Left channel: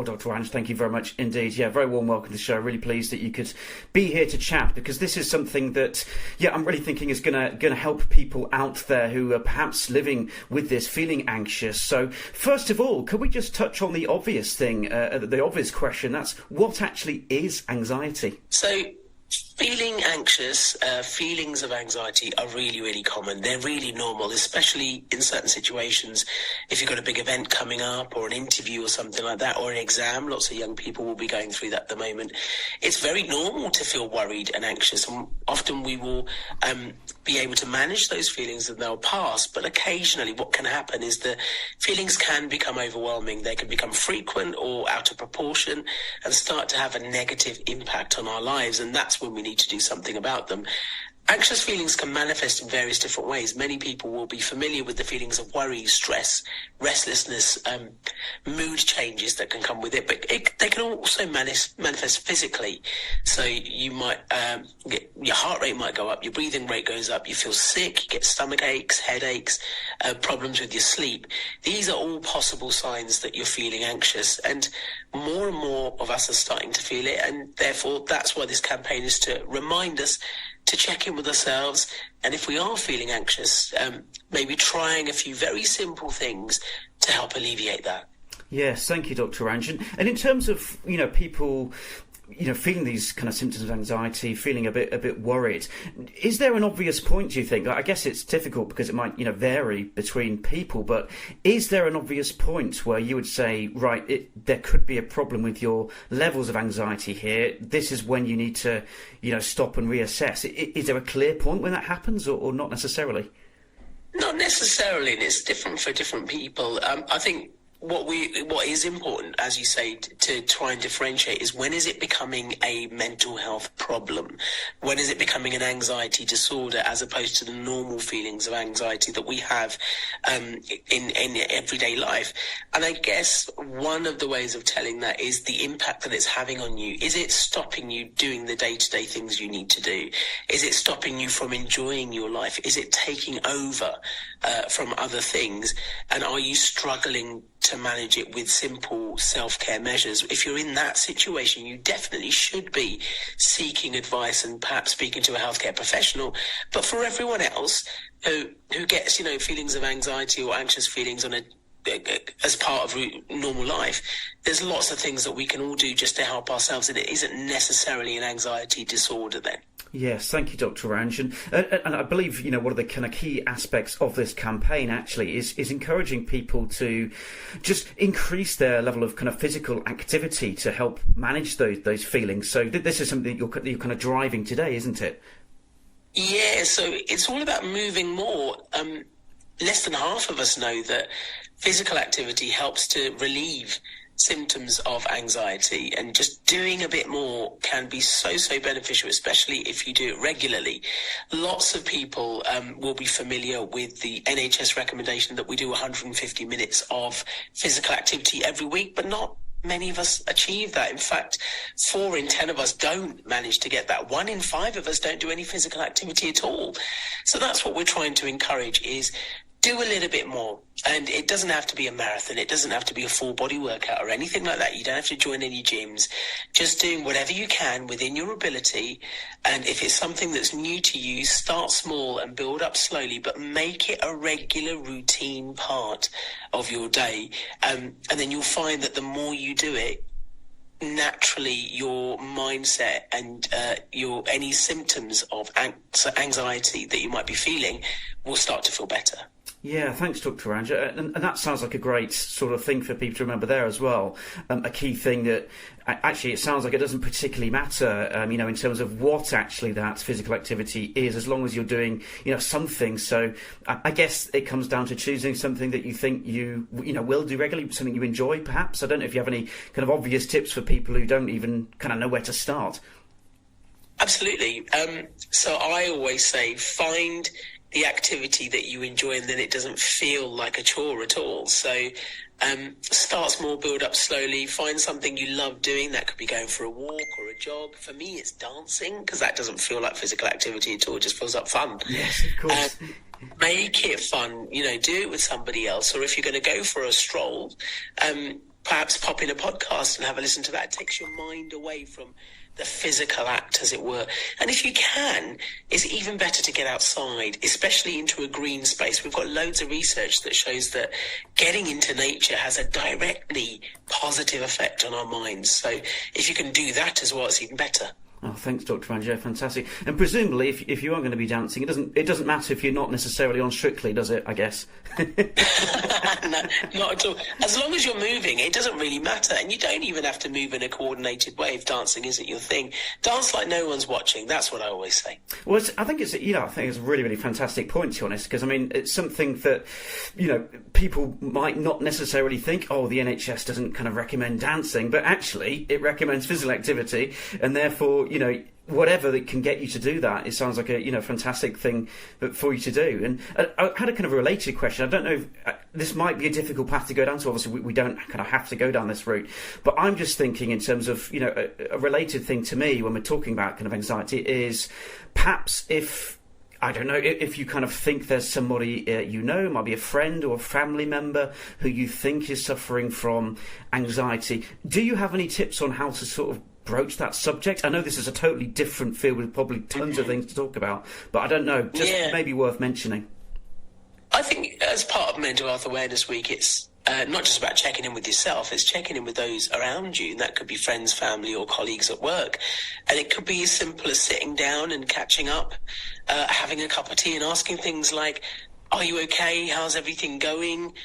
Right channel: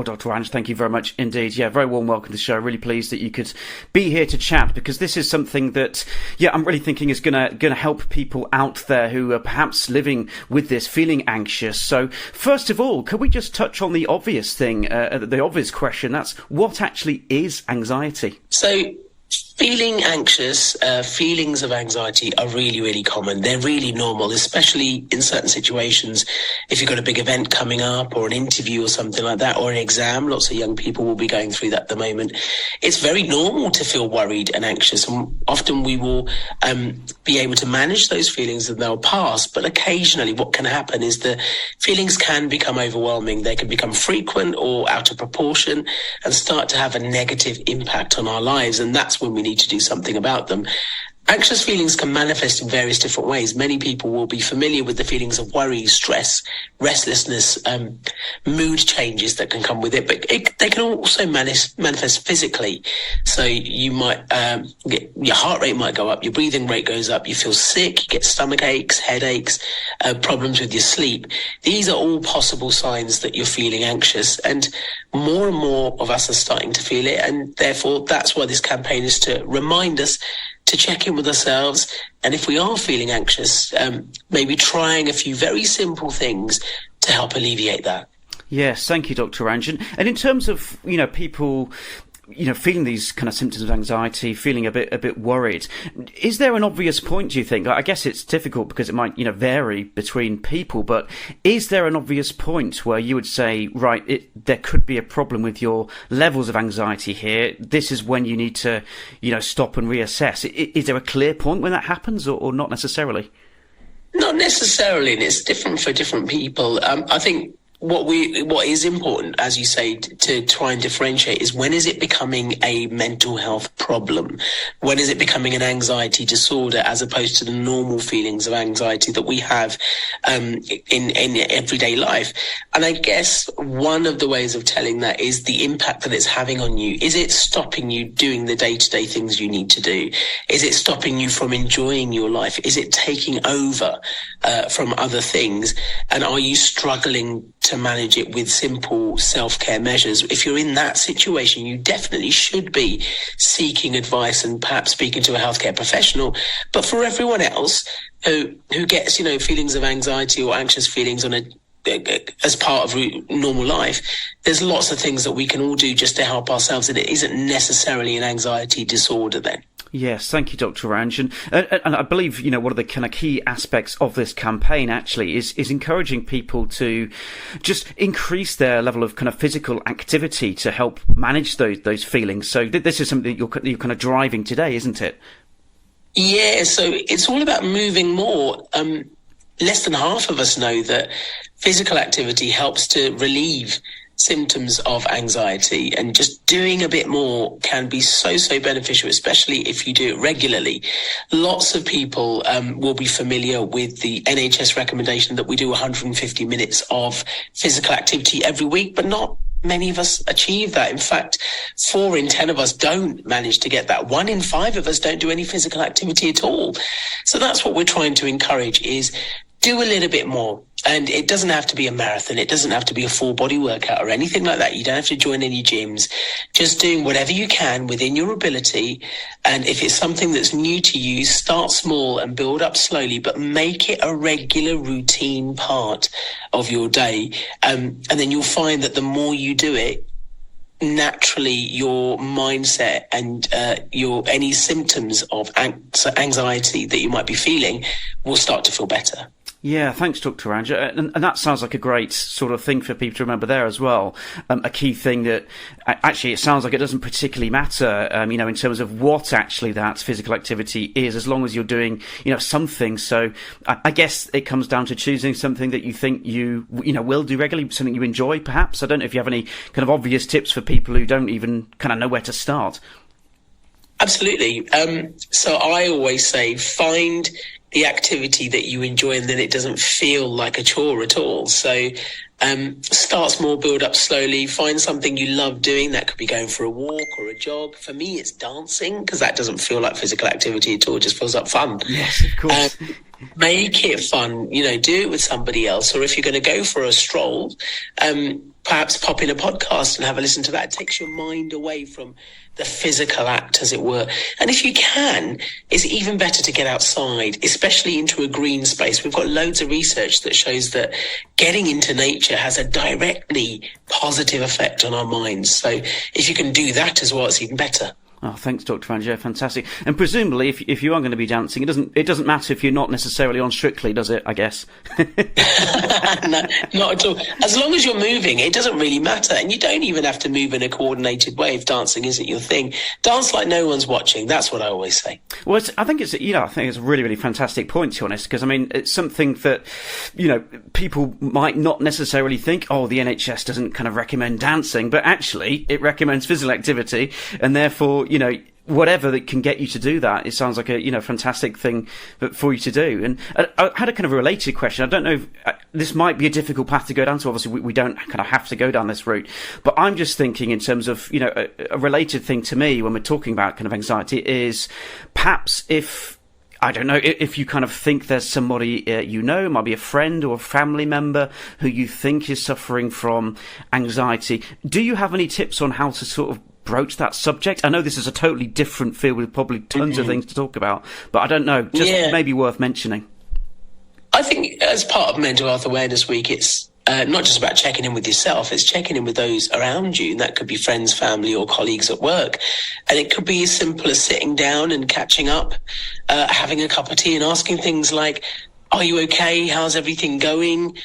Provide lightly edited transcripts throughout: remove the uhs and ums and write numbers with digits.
Well, Dr. Ranj, thank you very much indeed. Yeah, very warm welcome to the show. Really pleased that you could be here to chat, because this is something that, I'm really thinking is going to help people out there who are perhaps living with this, feeling anxious. So, first of all, could we just touch on the obvious thing, the obvious question? That's, what actually is anxiety? So, feeling anxious, feelings of anxiety are really, really common. They're really normal, especially in certain situations. If you've got a big event coming up or an interview or something like that, or an exam, lots of young people will be going through that at the moment. It's very normal to feel worried and anxious, and often we will be able to manage those feelings and they'll pass. But occasionally what can happen is the feelings can become overwhelming. They can become frequent or out of proportion and start to have a negative impact on our lives. And that's when we need to do something about them. Anxious feelings can manifest in various different ways. Many people will be familiar with the feelings of worry, stress, restlessness, mood changes that can come with it, but they can also manifest physically. So you might your heart rate might go up, your breathing rate goes up, you feel sick, you get stomach aches, headaches, problems with your sleep. These are all possible signs that you're feeling anxious, and more of us are starting to feel it, and therefore that's why this campaign is to remind us to check in with ourselves, and if we are feeling anxious, maybe trying a few very simple things to help alleviate that. Yes, thank you, Dr. Ranj. And in terms of, people, feeling these kind of symptoms of anxiety, feeling a bit worried, is there an obvious point, do you think? I guess it's difficult because it might, vary between people, but is there an obvious point where you would say, right, there could be a problem with your levels of anxiety here, this is when you need to, stop and reassess? Is there a clear point when that happens, or not necessarily? Not necessarily, and it's different for different people. I think what is important, as you say, to try and differentiate is, when is it becoming a mental health problem? When is it becoming an anxiety disorder, as opposed to the normal feelings of anxiety that we have in everyday life? And I guess one of the ways of telling that is the impact that it's having on you. Is it stopping you doing the day-to-day things you need to do? Is it stopping you from enjoying your life? Is it taking over from other things? And are you struggling to manage it with simple self-care measures? If you're in that situation, you definitely should be seeking advice and perhaps speaking to a healthcare professional. But for everyone else who gets, feelings of anxiety or anxious feelings as part of normal life, there's lots of things that we can all do just to help ourselves, and it isn't necessarily an anxiety disorder then. Yes, thank you, Dr. Ranj. And I believe, one of the kind of key aspects of this campaign actually is encouraging people to just increase their level of kind of physical activity to help manage those feelings. So this is something that you're kind of driving today, isn't it? Yeah, so it's all about moving more. Less than half of us know that physical activity helps to relieve symptoms of anxiety, and just doing a bit more can be so beneficial, especially if you do it regularly. Lots of people will be familiar with the NHS recommendation that we do 150 minutes of physical activity every week, but not many of us achieve that. In fact, 4 in 10 of us don't manage to get that. 1 in 5 of us don't do any physical activity at all. So that's what we're trying to encourage, is do a little bit more. And it doesn't have to be a marathon. It doesn't have to be a full body workout or anything like that. You don't have to join any gyms. Just doing whatever you can within your ability. And if it's something that's new to you, start small and build up slowly, but make it a regular routine part of your day. And then you'll find that the more you do it, naturally your mindset and any symptoms of anxiety that you might be feeling will start to feel better. Yeah, thanks, Dr. Ranj. And that sounds like a great sort of thing for people to remember there as well. A key thing that actually it sounds like it doesn't particularly matter, in terms of what actually that physical activity is, as long as you're doing, something. So I guess it comes down to choosing something that you think you will do regularly, something you enjoy, perhaps. I don't know if you have any kind of obvious tips for people who don't even kind of know where to start. Absolutely. So I always say, find the activity that you enjoy, and then it doesn't feel like a chore at all. So start small, build up slowly, find something you love doing. That could be going for a walk or a jog. For me, it's dancing, because that doesn't feel like physical activity at all. It just feels like fun. Yes, of course. Make it fun, do it with somebody else. Or if you're going to go for a stroll, perhaps pop in a podcast and have a listen to that. It takes your mind away from the physical act, as it were. And if you can, it's even better to get outside, especially into a green space. We've got loads of research that shows that getting into nature has a directly positive effect on our minds. So if you can do that as well, it's even better. Oh, thanks, Dr. Ranj. Fantastic. And presumably, if you are going to be dancing, it doesn't matter if you're not necessarily on Strictly, does it? I guess. No, not at all. As long as you're moving, it doesn't really matter, and you don't even have to move in a coordinated way if dancing isn't your thing. Dance like no one's watching. That's what I always say. Well, I think it's a really, really fantastic point, to be honest, because I mean, it's something that people might not necessarily think. Oh, the NHS doesn't kind of recommend dancing, but actually, it recommends physical activity, and therefore, whatever that can get you to do that, it sounds like a fantastic thing for you to do. And I had a kind of a related question. I don't know if this might be a difficult path to go down. So obviously we don't kind of have to go down this route. But I'm just thinking in terms of a related thing to me when we're talking about kind of anxiety is perhaps if you kind of think there's somebody might be a friend or a family member who you think is suffering from anxiety. Do you have any tips on how to sort of broach that subject? I know this is a totally different field with probably tons of things to talk about, but I don't know, just maybe worth mentioning. I think as part of Mental Health Awareness Week, it's not just about checking in with yourself, it's checking in with those around you. And that could be friends, family, or colleagues at work. And it could be as simple as sitting down and catching up, having a cup of tea and asking things like, are you okay? How's everything going?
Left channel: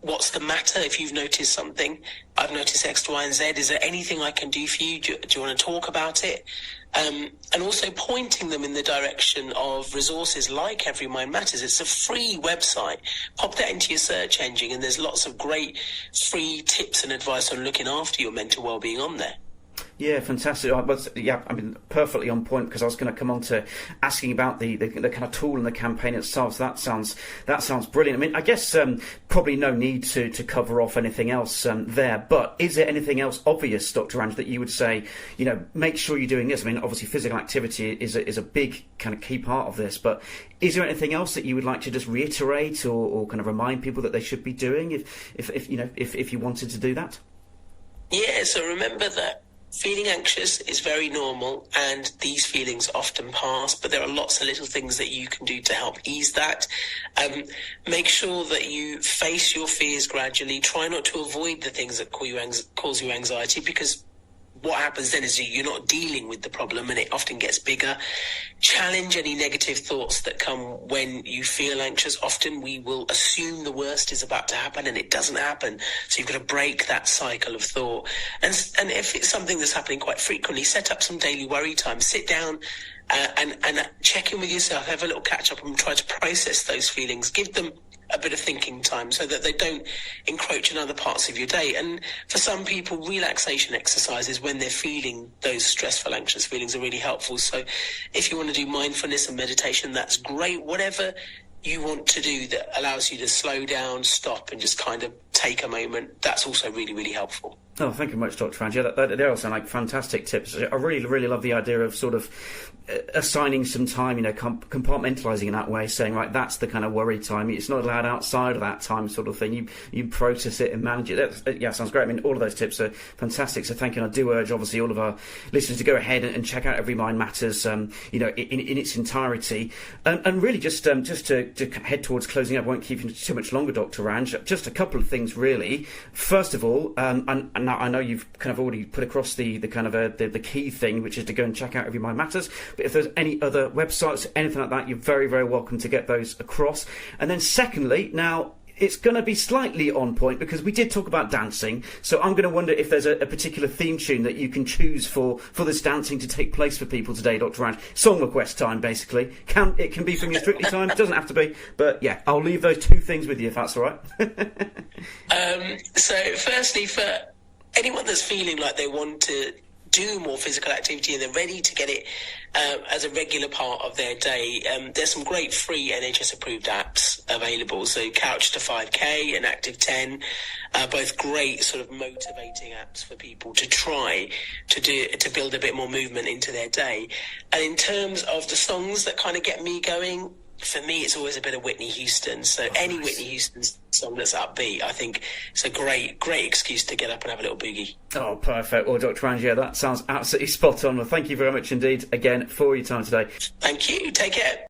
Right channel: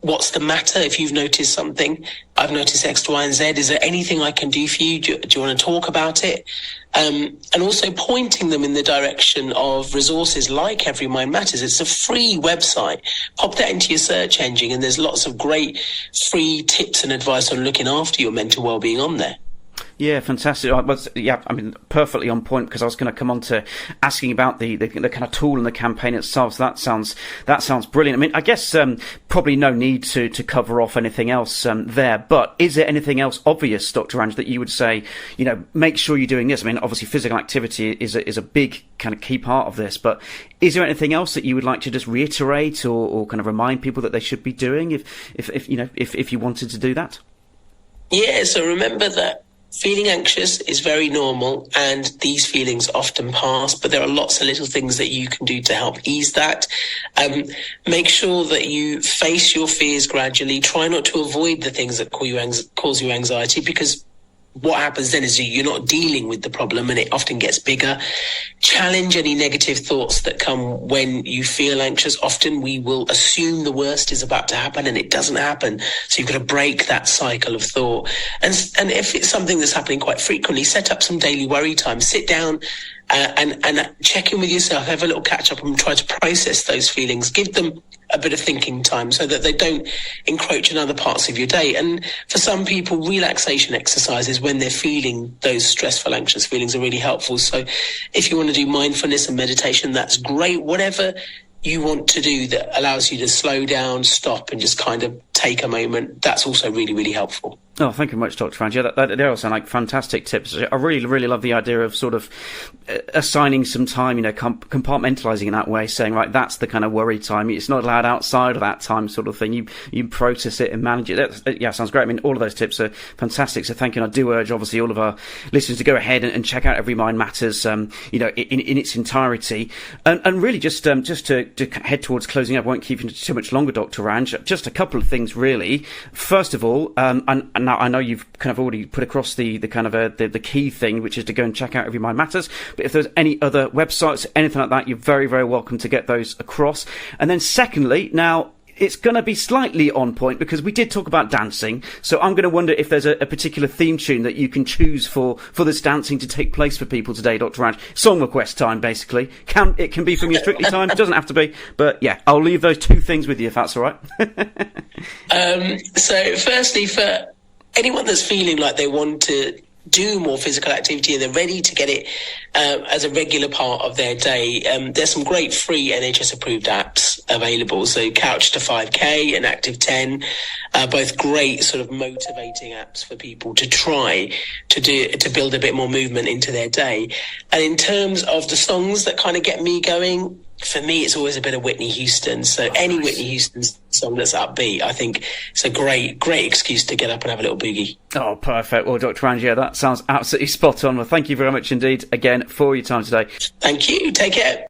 What's the matter? If you've noticed something, I've noticed X, Y, and Z. Is there anything I can do for you? Do you want to talk about it? And also pointing them in the direction of resources like Every Mind Matters. It's a free website. Pop that into your search engine, and there's lots of great free tips and advice on looking after your mental well-being on there. Yeah, fantastic. Perfectly on point, because I was going to come on to asking about the kind of tool and the campaign itself. So that sounds brilliant. I mean, I guess probably no need to cover off anything else there. But is there anything else obvious, Dr. Ranj, that you would say, make sure you're doing this? I mean, obviously physical activity is a big kind of key part of this. But is there anything else that you would like to just reiterate or kind of remind people that they should be doing if you wanted to do that? Yeah. So remember that feeling anxious is very normal, and these feelings often pass, but there are lots of little things that you can do to help ease that. Make sure that you face your fears gradually. Try not to avoid the things that cause you anxiety, because what happens then is you're not dealing with the problem and it often gets bigger. Challenge any negative thoughts that come when you feel anxious. Often we will assume the worst is about to happen and it doesn't happen. So you've got to break that cycle of thought. And if it's something that's happening quite frequently, set up some daily worry time. Sit down and check in with yourself, have a little catch up and try to process those feelings. Give them a bit of thinking time so that they don't encroach in other parts of your day. And for some people, relaxation exercises when they're feeling those stressful, anxious feelings are really helpful. So if you want to do mindfulness and meditation, that's great. Whatever you want to do that allows you to slow down, stop, and just kind of take a moment, that's also really, really helpful. Oh, thank you very much, Dr. Ranj. Yeah, they all sound like fantastic tips. I really, really love the idea of sort of assigning some time, compartmentalising in that way, saying, right, that's the kind of worry time. It's not allowed outside of that time sort of thing. You process it and manage it. Sounds great. I mean, all of those tips are fantastic. So thank you. And I do urge, obviously, all of our listeners to go ahead and check out Every Mind Matters, in its entirety. And really just to head towards closing up, I won't keep you too much longer, Dr. Ranj. Just a couple of things, really. First of all, and now I know you've kind of already put across the kind of the key thing, which is to go and check out Every Mind Matters. But if there's any other websites, anything like that, you're very, very welcome to get those across. And then secondly, now it's going to be slightly on point because we did talk about dancing. So I'm going to wonder if there's a particular theme tune that you can choose for this dancing to take place for people today, Dr. Ranj. Song request time, basically. It can be from your Strictly time. It doesn't have to be. But yeah, I'll leave those two things with you if that's all right. So firstly, for anyone that's feeling like they want to do more physical activity and they're ready to get it as a regular part of their day, there's some great free NHS approved apps available. So Couch to 5K and Active 10, both great sort of motivating apps for people to try to build a bit more movement into their day. And in terms of the songs that kind of get me going, For me, it's always a bit of Whitney Houston. So any Whitney Houston song that's upbeat, I think it's a great excuse to get up and have a little boogie. Oh, perfect. Well, Dr. Ranj, that sounds absolutely spot on. Well, thank you very much indeed again for your time today. Thank you. Take care.